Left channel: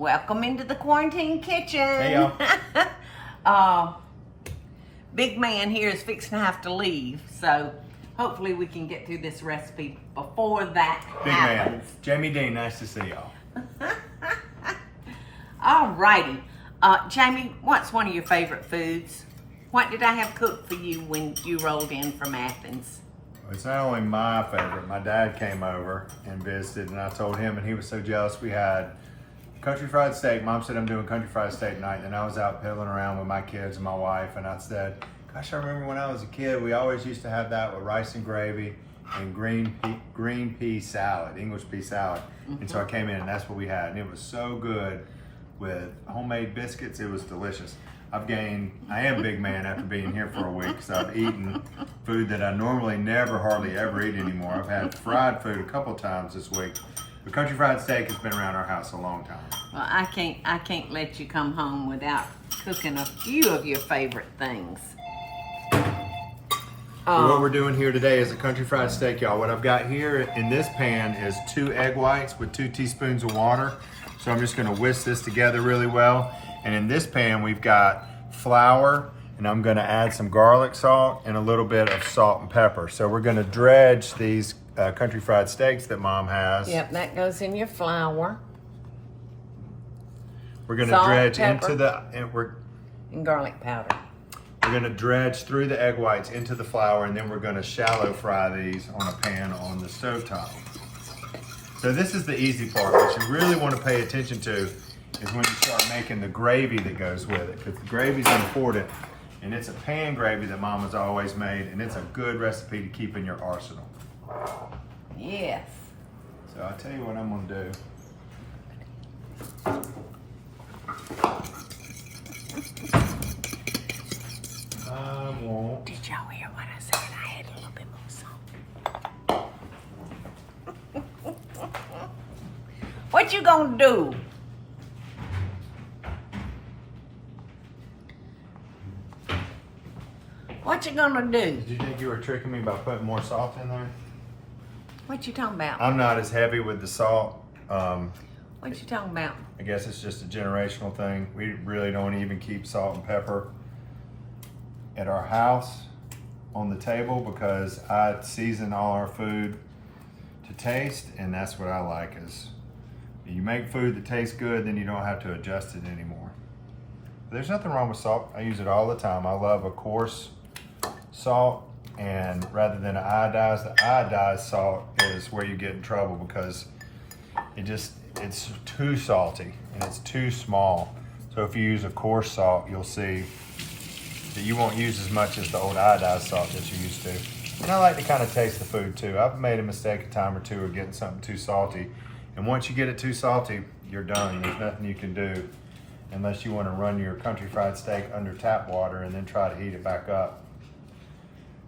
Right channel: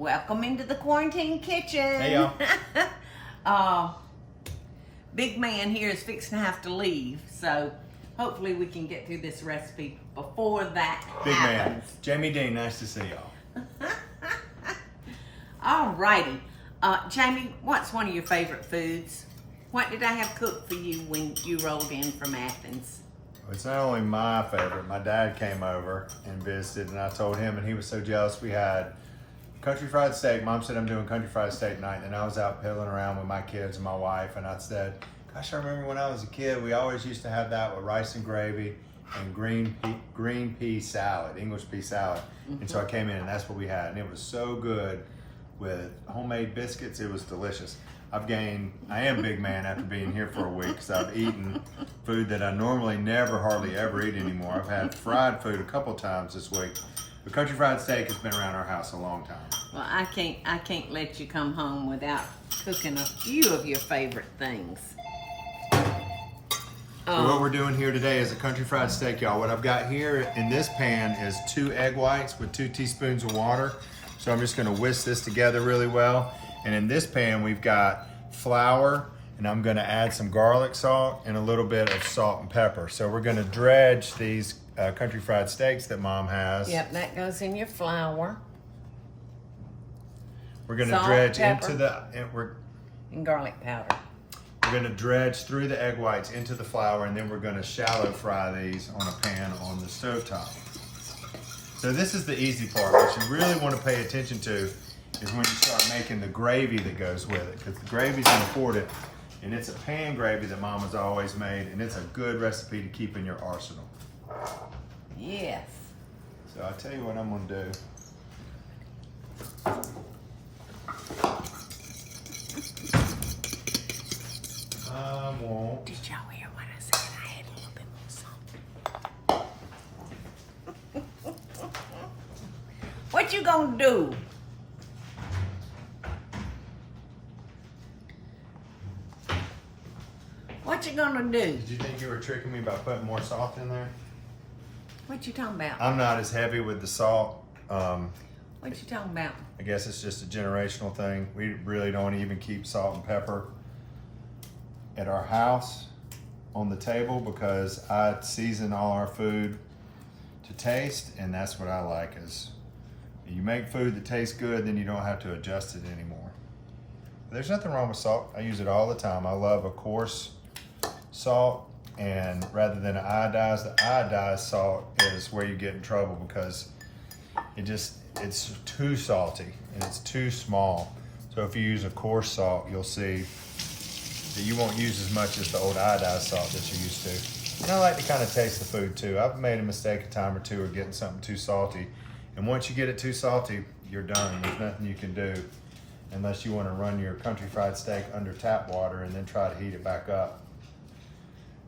Welcome into the quarantine kitchen. Hey, y'all. Big man here is fixing to have to leave, so hopefully we can get through this recipe before that Big happens. man. Jamie Deen, nice to see y'all. Alrighty. Jamie, what's one of your favorite foods? What did I have cooked for you when you rolled in from Athens? It's not only my favorite. My dad came over and visited, and I told him, and he was so jealous. We had country fried steak. Mom said I'm doing country fried steak tonight, and I was out piddling around with my kids and my wife, and I said, gosh, I remember when I was a kid, we always used to have that with rice and gravy and green pea salad, English pea salad. And so I came in, and that's what we had, and it was so good with homemade biscuits. It was delicious. I am big man after being here for a week, because I've eaten food that I normally never hardly ever eat anymore. I've had fried food a couple times this week, but country fried steak has been around our house a long time. Well, I can't let you come home without cooking a few of your favorite things. So what we're doing here today is a country fried steak, y'all. What I've got here in this pan is 2 egg whites with 2 teaspoons of water. So I'm just gonna whisk this together really well. And in this pan, we've got flour, and I'm gonna add some garlic salt and a little bit of salt and pepper. So we're gonna dredge these country fried steaks that Mom has. Yep, that goes in your flour. We're gonna Salt, dredge pepper, and and garlic powder. we're gonna dredge through the egg whites into the flour, and then we're gonna shallow fry these on a pan on the stovetop. So this is the easy part. What you really want to pay attention to is when you start making the gravy that goes with it, because the gravy's important, and it's a pan gravy that Mama's always made, and it's a good recipe to keep in your arsenal. Yes. So I'll tell you what I'm gonna do. I won't. Did y'all hear what I said? I had a little bit more salt. What you gonna do? What you gonna do? Did you think you were tricking me by putting more salt in there? What you talking about? I'm not as heavy with the salt. What you talking about? I guess it's just a generational thing. We really don't even keep salt and pepper at our house on the table, because I season all our food to taste, and that's what I like. Is you make food that tastes good, then you don't have to adjust it anymore. But there's nothing wrong with salt. I use it all the time. I love a coarse salt, and rather than an iodized, the iodized salt is where you get in trouble, because it's too salty and it's too small. So if you use a coarse salt, you'll see that you won't use as much as the old iodized salt that you used to. And I like to kind of taste the food too. I've made a mistake a time or two of getting something too salty. And once you get it too salty, you're done. There's nothing you can do unless you want to run your country fried steak under tap water and then try to heat it back up.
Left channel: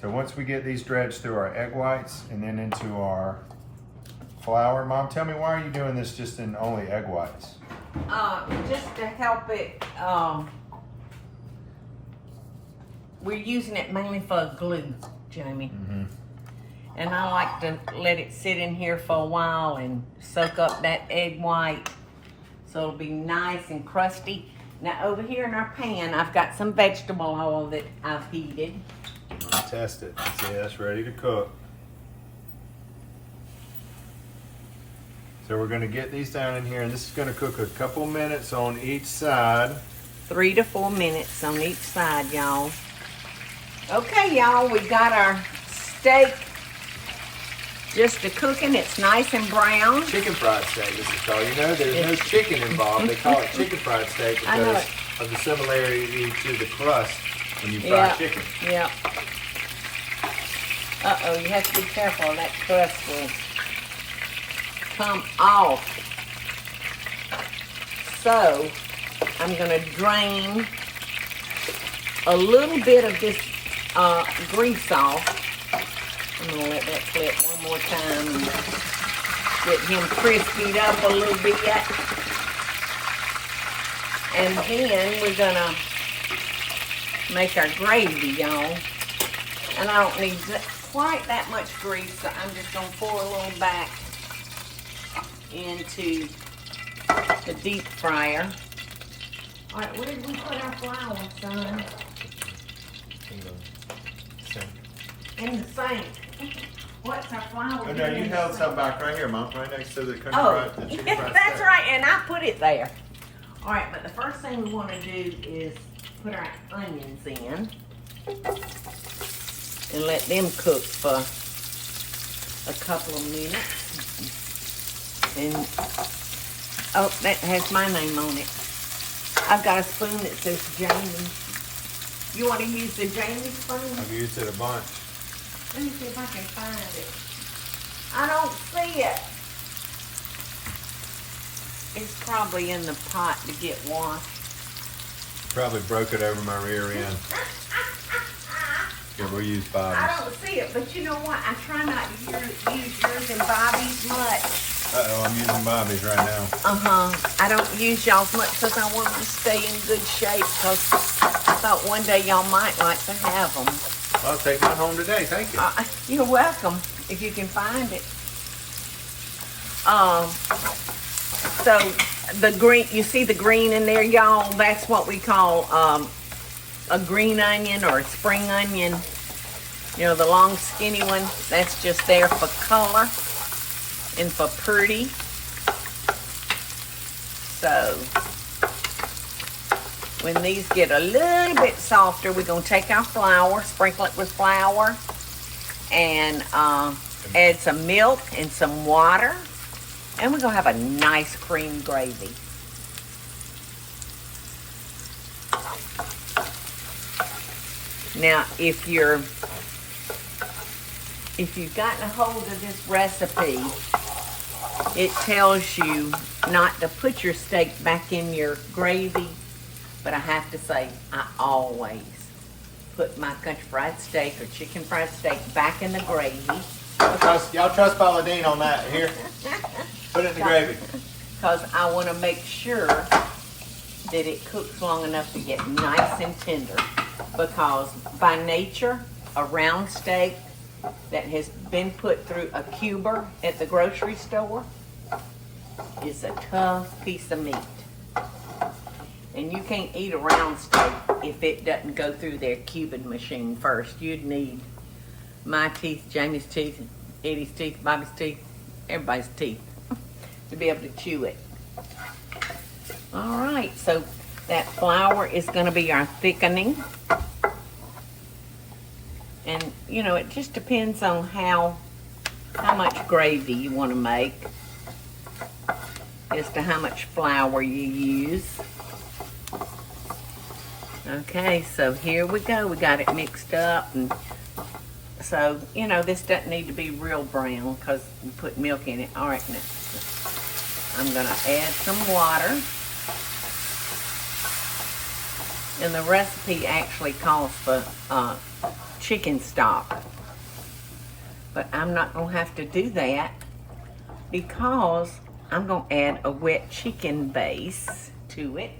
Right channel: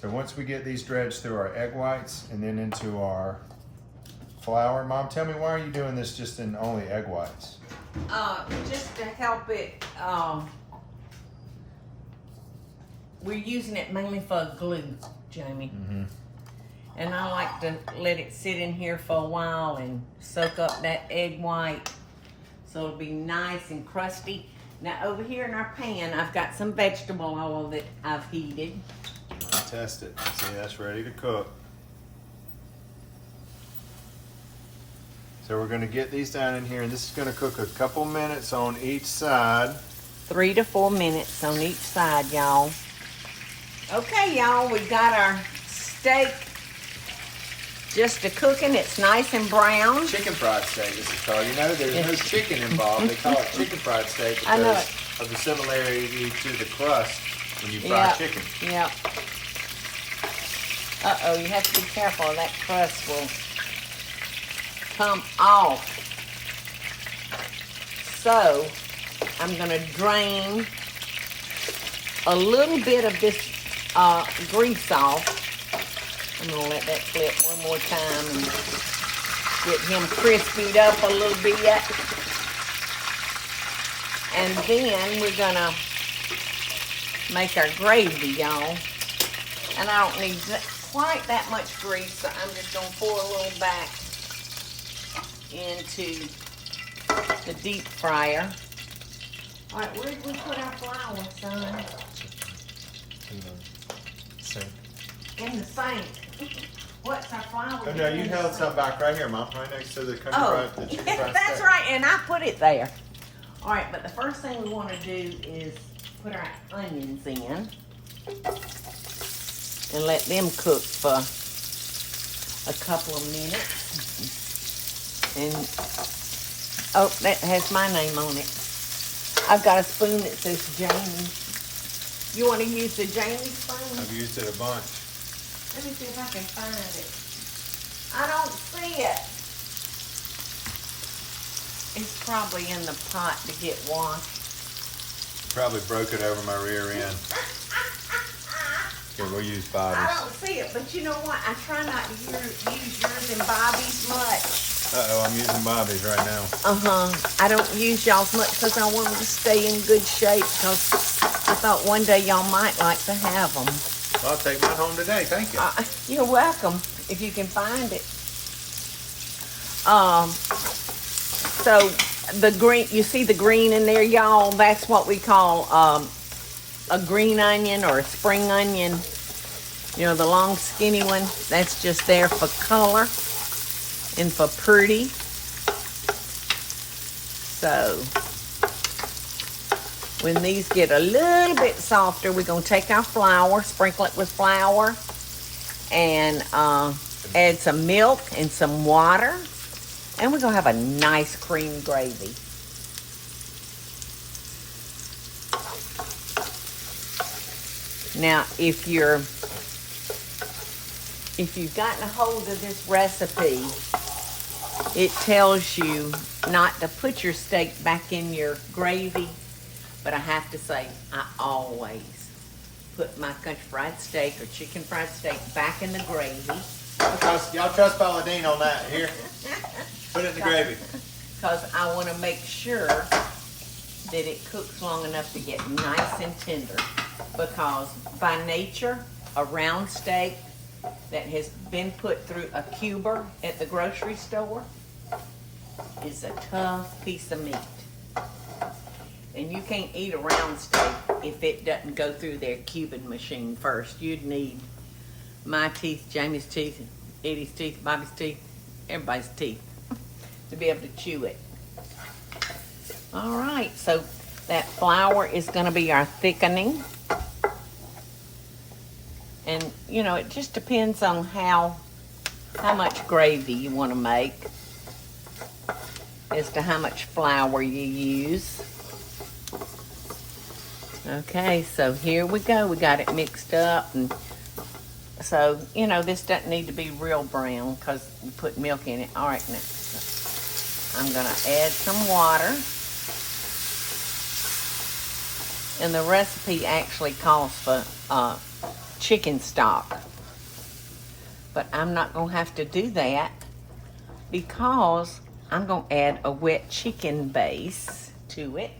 So once we get these dredged through our egg whites and then into our flour, Mom, tell me, why are you doing this just in only egg whites? Just to help it, we're using it mainly for glue, Jamie. And I like to let it sit in here for a while and soak up that egg white, so it'll be nice and crusty. Now over here in our pan, I've got some vegetable oil that I've heated. I'll test it. See, that's ready to cook. So we're gonna get these down in here, and this is gonna cook a couple minutes on each side. 3 to 4 minutes on each side, y'all. Okay, y'all, we got our steak just a cooking. It's nice and brown. Chicken fried steak, this is called. You know, there's no chicken involved. They call it chicken fried steak because of the similarity to the crust when you fry chicken. Yeah. Uh-oh, you have to be careful. That crust will come off. So, I'm going to drain a little bit of this grease off. I'm going to let that flip one more time and get him crispied up a little bit. And then we're going to make our gravy, y'all. And I don't need quite that much grease, so I'm just going to pour a little back into the deep fryer. All right, where did we put our flour, son? In the sink. What's our flour? Oh, no, you held some back right here, Mom, right next to the chicken that's right, and I put it there. All right, but the first thing we want to do is put our onions in and let them cook for a couple of minutes. And, oh, that has my name on it. I've got a spoon that says Jamie. You want to use the Jamie spoon? I've used it a bunch. Let me see if I can find it. I don't see it. It's probably in the pot to get washed. Probably broke it over my rear end. Here, we'll use Bobby's. I don't see it, but you know what? I try not to use yours and Bobby's much. Uh-oh, I'm using Bobby's right now. I don't use y'all's much because I want to stay in good shape because I thought one day y'all might like to have them. I'll take mine home today, thank you. You're welcome, if you can find it. So the green, you see the green in there, y'all? That's what we call a green onion or a spring onion. You know, the long skinny one, that's just there for color and for pretty. So when these get a little bit softer, we're gonna take our flour, sprinkle it with flour, and add some milk and some water, and we're gonna have a nice cream gravy. Now, if you've gotten a hold of this recipe, it tells you not to put your steak back in your gravy, but I have to say, I always put my country fried steak or chicken fried steak back in the gravy. Y'all trust Paula Deen on that. Here, put it in the gravy. Because I want to make sure that it cooks long enough to get nice and tender. Because by nature, a round steak that has been put through a cuber at the grocery store is a tough piece of meat. And you can't eat a round steak if it doesn't go through their cubing machine first. You'd need my teeth, Jamie's teeth, Eddie's teeth, Bobby's teeth, everybody's teeth to be able to chew it. All right, so that flour is going to be our thickening. And, you know, it just depends on how much gravy you want to make as to how much flour you use. Okay, so here we go. We got it mixed up. And so, you know, this doesn't need to be real brown because we put milk in it. All right, now I'm going to add some water. And the recipe actually calls for chicken stock. But I'm not going to have to do that because I'm going to add a wet chicken base to it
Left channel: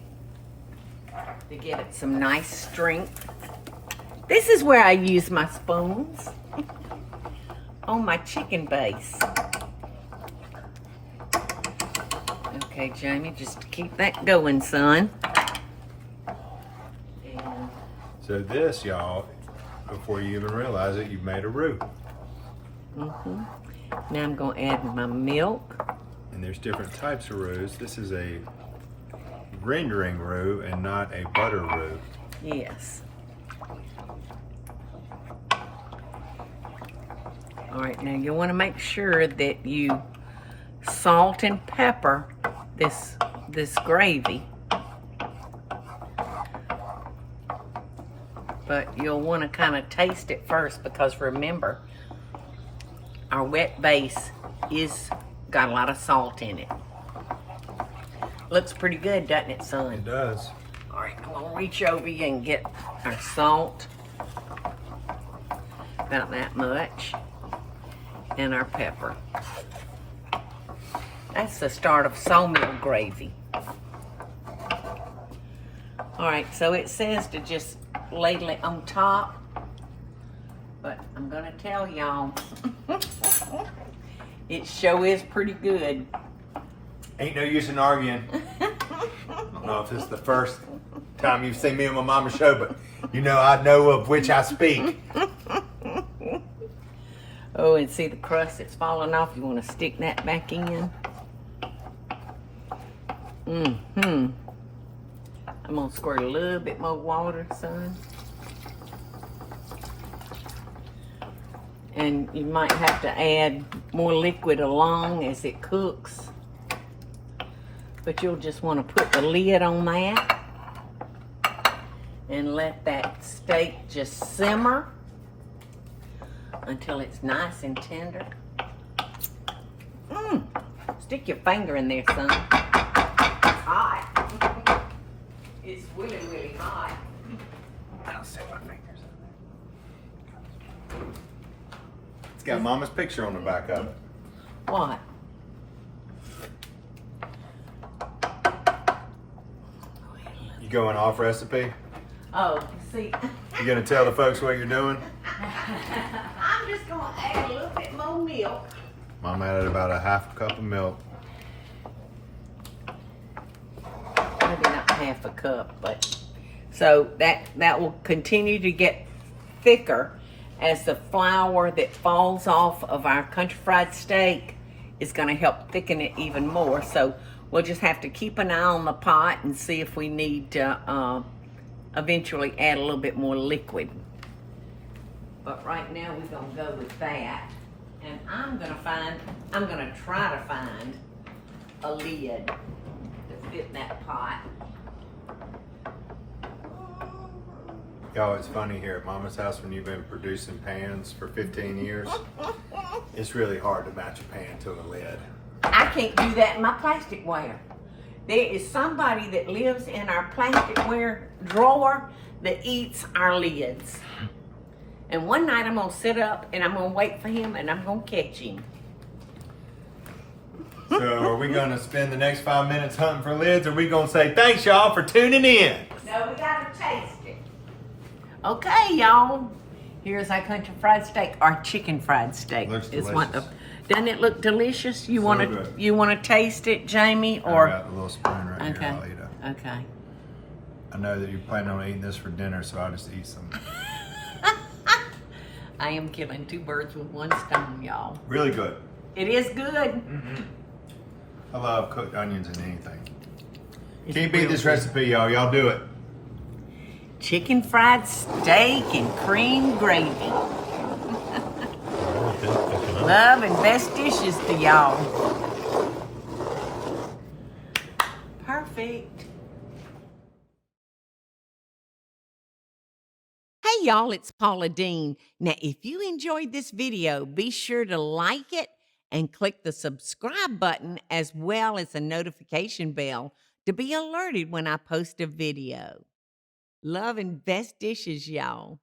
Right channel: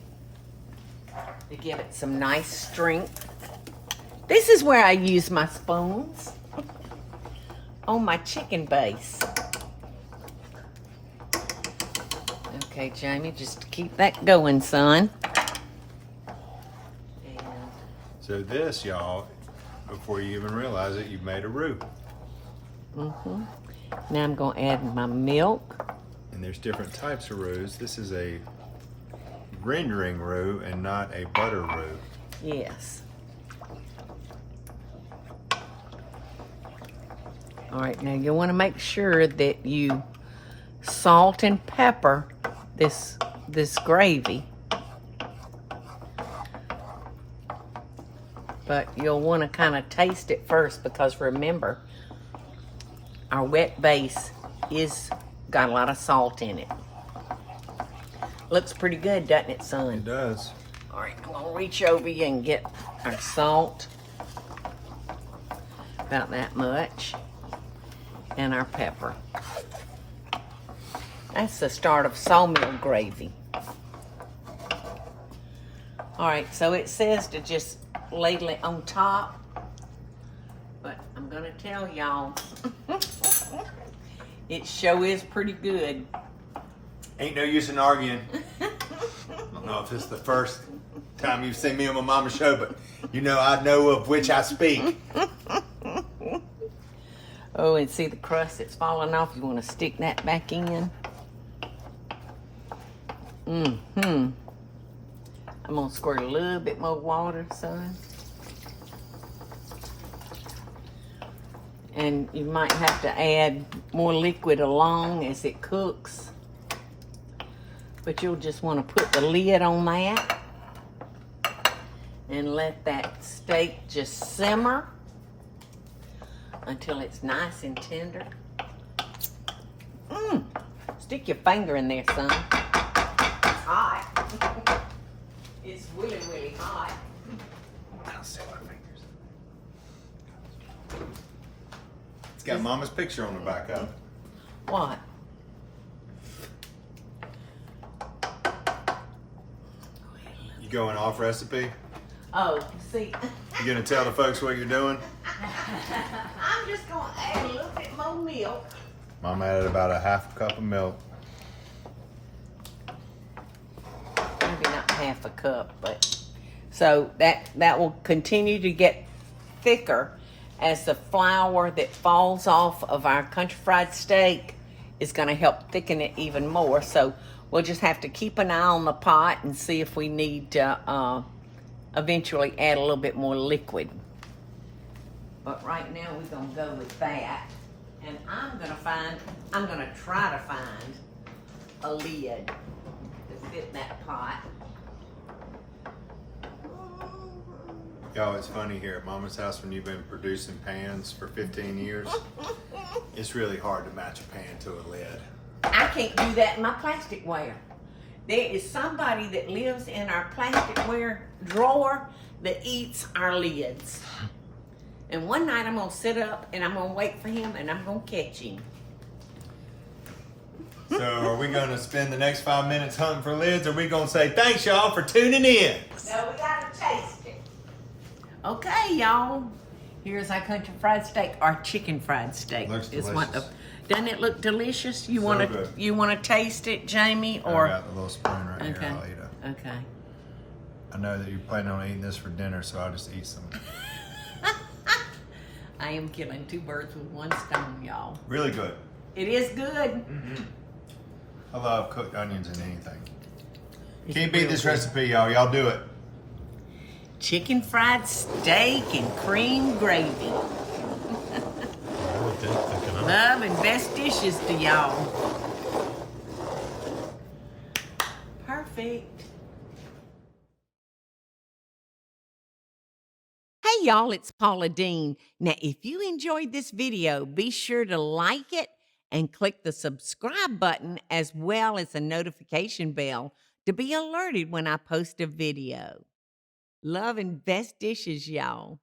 to give it some nice strength. This is where I use my spoons on my chicken base. Okay, Jamie, just keep that going, son. So this, y'all, before you even realize it, you've made a roux. Now I'm going to add my milk. And there's different types of roux. This is a rendering roux and not a butter roux. Yes. All right, now you want to make sure that you salt and pepper this gravy. But you'll want to kind of taste it first because remember, our wet base is got a lot of salt in it. Looks pretty good, doesn't it, son? It does. All right, I'm gonna reach over you and get our salt. About that much. And our pepper. That's the start of sawmill gravy. All right, so it says to just ladle it on top, but I'm gonna tell y'all, it sure is pretty good. Ain't no use in arguing. I don't know if this is the first time you've seen me on my mama's show, but you know I know of which I speak. Oh, and see the crust that's falling off? You want to stick that back in? I'm going to squirt a little bit more water, son. And you might have to add more liquid along as it cooks. But you'll just want to put the lid on that and let that steak just simmer until it's nice and tender. Stick your finger in there, son. It's hot. It's really, really hot. I don't see my fingers. It's got Mama's picture on the back of it. What? You going off recipe? Oh, see. You gonna tell the folks what you're doing? I'm just going to add a little bit more milk. Mom added about a half a cup of milk. Maybe not half a cup, but so that will continue to get thicker as the flour that falls off of our country fried steak is going to help thicken it even more. So we'll just have to keep an eye on the pot and see if we need to eventually add a little bit more liquid. But right now we're going to go with that. And I'm going to try to find a lid to fit in that pot. Y'all, it's funny here at Mama's house when you've been producing pans for 15 years. It's really hard to match a pan to a lid. I can't do that in my plasticware. There is somebody that lives in our plasticware drawer that eats our lids. And one night I'm gonna sit up and I'm gonna wait for him and I'm gonna catch him. So are we gonna spend the next 5 minutes hunting for lids, or are we gonna say thanks y'all for tuning in? No, we gotta taste it. Okay, y'all. Here's our country fried steak, our chicken fried steak. Looks Is delicious. Doesn't it look delicious? You So wanna good. taste it, Jamie? I Or got a little spoon right okay, here. I'll eat it. okay. I know that you're planning on eating this for dinner, so I'll just eat some. I am killing two birds with one stone, y'all. Really good. It is good. Mm-hmm. I love cooked onions in anything. It's Can't beat real this good. recipe, y'all. Y'all do it. Chicken fried steak and cream gravy. Love and best dishes to y'all. Perfect. Hey y'all, it's Paula Deen. Now, if you enjoyed this video, be sure to like it and click the subscribe button as well as the notification bell to be alerted when I post a video. Love and best dishes, y'all.